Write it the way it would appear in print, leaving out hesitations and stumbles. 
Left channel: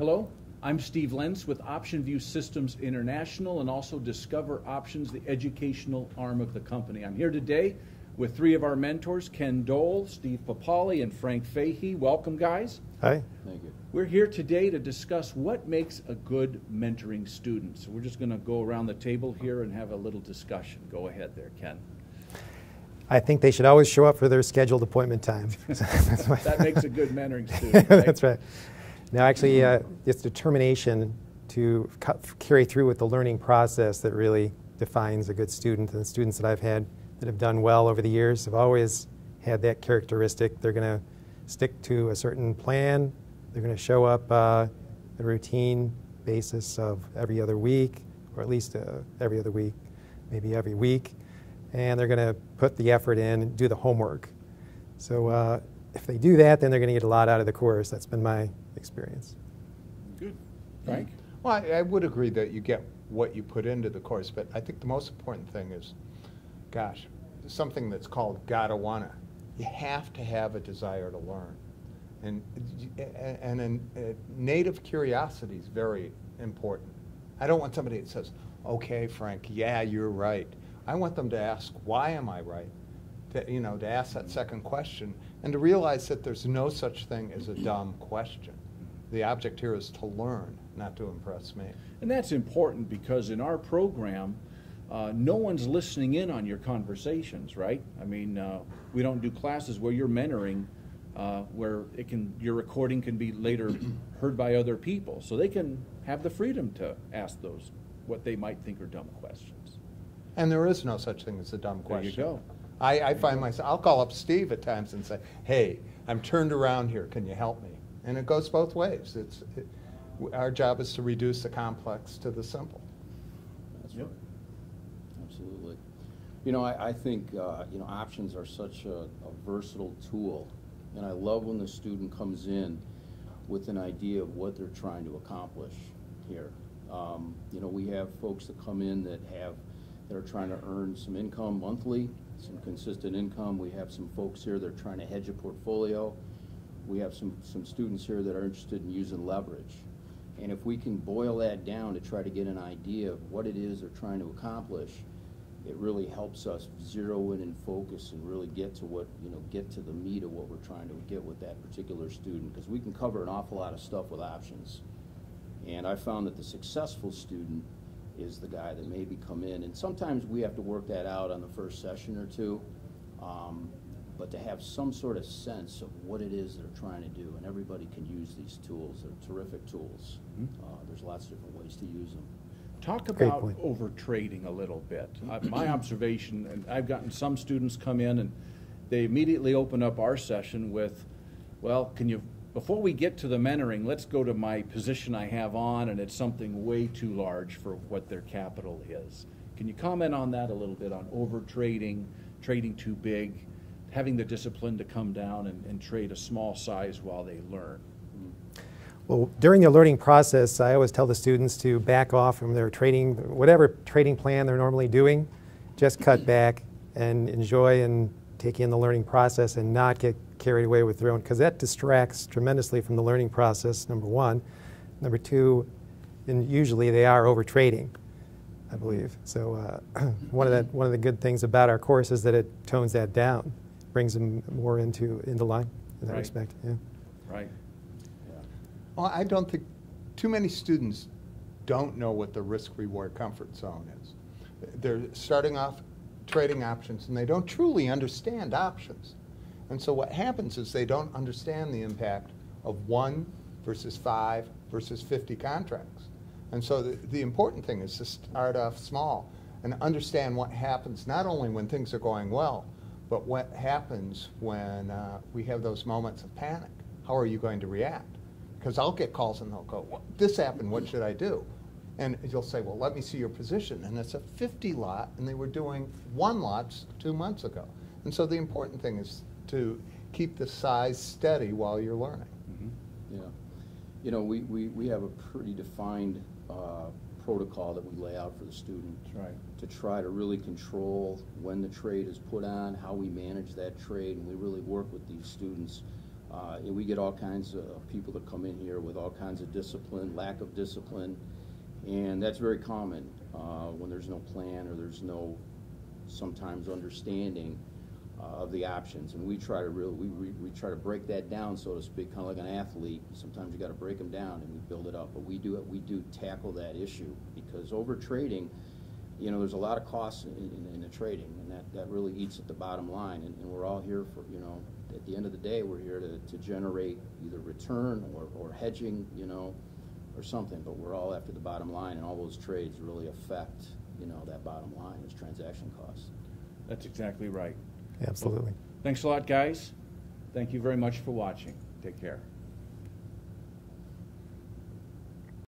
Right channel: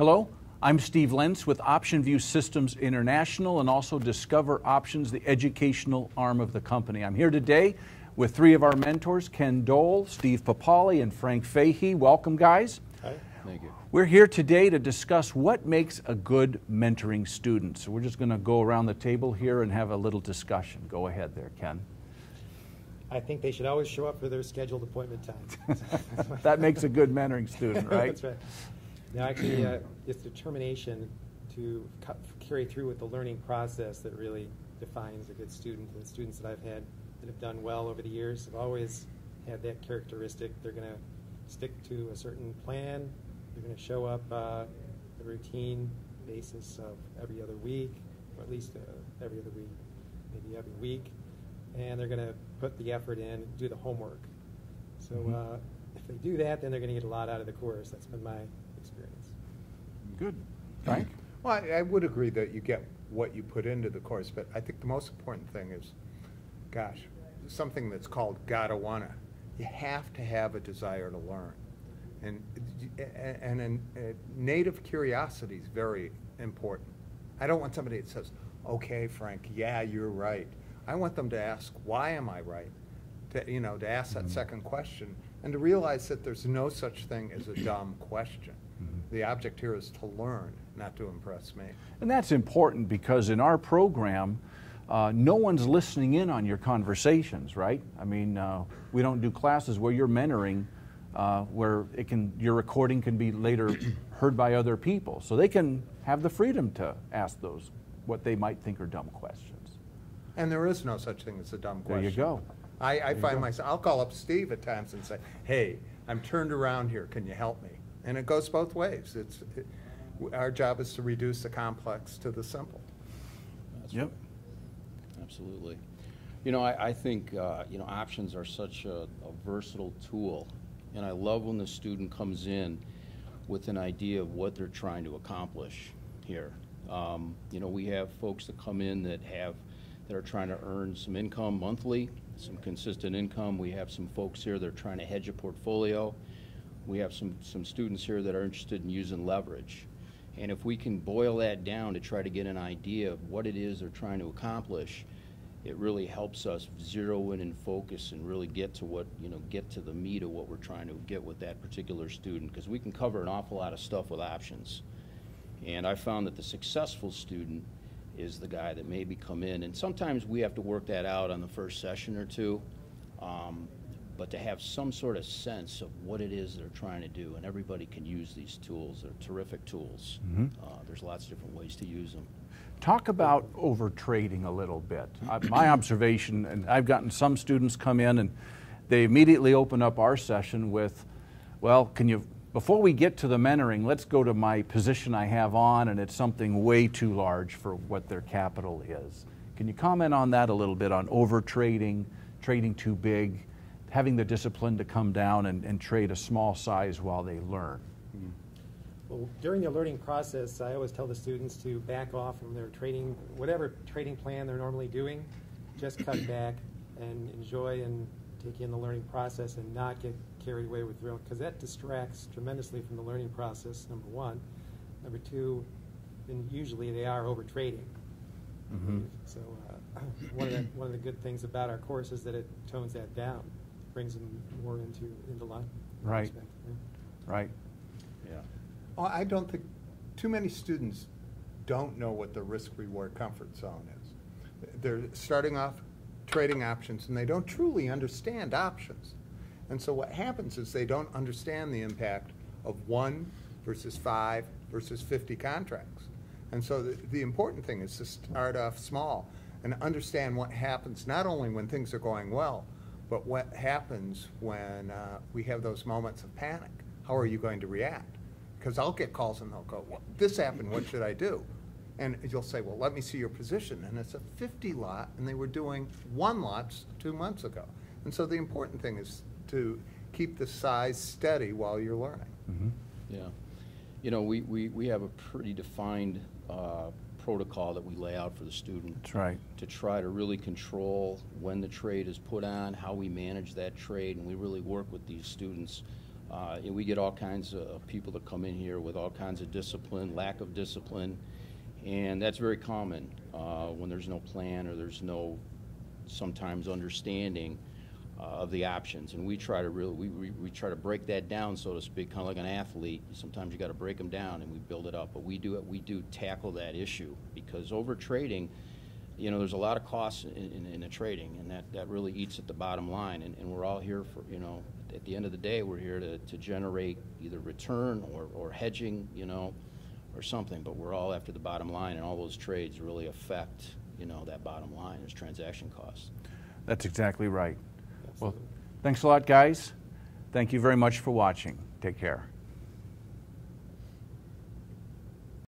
Hello, I'm Steve Lentz with OptionView Systems International and also Discover Options, the educational arm of the company. I'm here today with three of our mentors, Ken Dole, Steve Papali, and Frank Fahey. Welcome, guys. Hi. Thank you. We're here today to discuss what makes a good mentoring student. So we're just going to go around the table here and have a little discussion. Go ahead there, Ken. I think they should always show up for their scheduled appointment time. That makes a good mentoring student, right? That's right. Now, actually, it's determination to carry through with the learning process that really defines a good student. And the students that I've had that have done well over the years have always had that characteristic. They're going to stick to a certain plan. They're going to show up a routine basis of every other week, or at least every other week, maybe every week. And they're going to put the effort in and do the homework. So if they do that, then they're going to get a lot out of the course. That's been my experience. Good. Frank? Well, I would agree that you get what you put into the course, but I think the most important thing is, gosh, something that's called gotta wanna. You have to have a desire to learn. And native curiosity is very important. I don't want somebody that says, okay, Frank, yeah, you're right. I want them to ask, why am I right? To ask that second question and to realize that there's no such thing as a dumb question. The object here is to learn, not to impress me. And that's important because in our program, no one's listening in on your conversations, right? I mean, we don't do classes where you're mentoring, where your recording can be later heard by other people. So they can have the freedom to ask those, what they might think are dumb questions. And there is no such thing as a dumb question. There you go. I find myself, I'll call up Steve at times and say, hey, I'm turned around here, can you help me? And it goes both ways. Our job is to reduce the complex to the simple. Yep. Absolutely. You know, I think, options are such a versatile tool, and I love when the student comes in with an idea of what they're trying to accomplish here. We have folks that come in that are trying to earn some income monthly, some consistent income. We have some folks here that are trying to hedge a portfolio. We have some students here that are interested in using leverage. And if we can boil that down to try to get an idea of what it is they're trying to accomplish, it really helps us zero in and focus and really get to get to the meat of what we're trying to get with that particular student, because we can cover an awful lot of stuff with options. And I found that the successful student is the guy that maybe come in, and sometimes we have to work that out on the first session or two, but to have some sort of sense of what it is they're trying to do, and everybody can use these tools. They're terrific tools. Mm-hmm. There's lots of different ways to use them. Talk about over trading a little bit. My observation, and I've gotten some students come in and they immediately open up our session with, well, before we get to the mentoring, let's go to my position I have on, and it's something way too large for what their capital is. Can you comment on that a little bit, on over trading, trading too big, having the discipline to come down and trade a small size while they learn? Well, during the learning process, I always tell the students to back off from their trading, whatever trading plan they're normally doing, just cut back and enjoy and take in the learning process and not get carried away with their own, because that distracts tremendously from the learning process, number one. Number two, and usually they are over trading, I believe. So one of the good things about our course is that it tones that down, brings them more into line in that respect. Yeah. Right. Well, I don't think too many students don't know what the risk-reward comfort zone is. They're starting off trading options, and they don't truly understand options. And so what happens is they don't understand the impact of 1 versus 5 versus 50 contracts. And so the important thing is to start off small and understand what happens not only when things are going well, but what happens when we have those moments of panic. How are you going to react? Because I'll get calls and they'll go, well, this happened, what should I do? And you'll say, well, let me see your position. And it's a 50 lot, and they were doing 1 lot 2 months ago. And so the important thing is to keep the size steady while you're learning. Mm-hmm. Yeah. We have a pretty defined protocol that we lay out for the student. That's right. To try to really control when the trade is put on, how we manage that trade, and we really work with these students We get all kinds of people that come in here with all kinds of discipline, lack of discipline, and that's very common when there's no plan or there's no sometimes understanding of the options. And we try to really, we try to break that down, so to speak, kind of like an athlete. Sometimes you got to break them down and we build it up. But we do tackle that issue, because over trading, you know, there's a lot of costs in the trading, and that really eats at the bottom line. And we're all here for, you know, at the end of the day, we're here to generate either return or hedging, you know, or something. But we're all after the bottom line, and all those trades really affect, you know, that bottom line as transaction costs. That's exactly right. Absolutely. Well, thanks a lot, guys. Thank you very much for watching. Take care.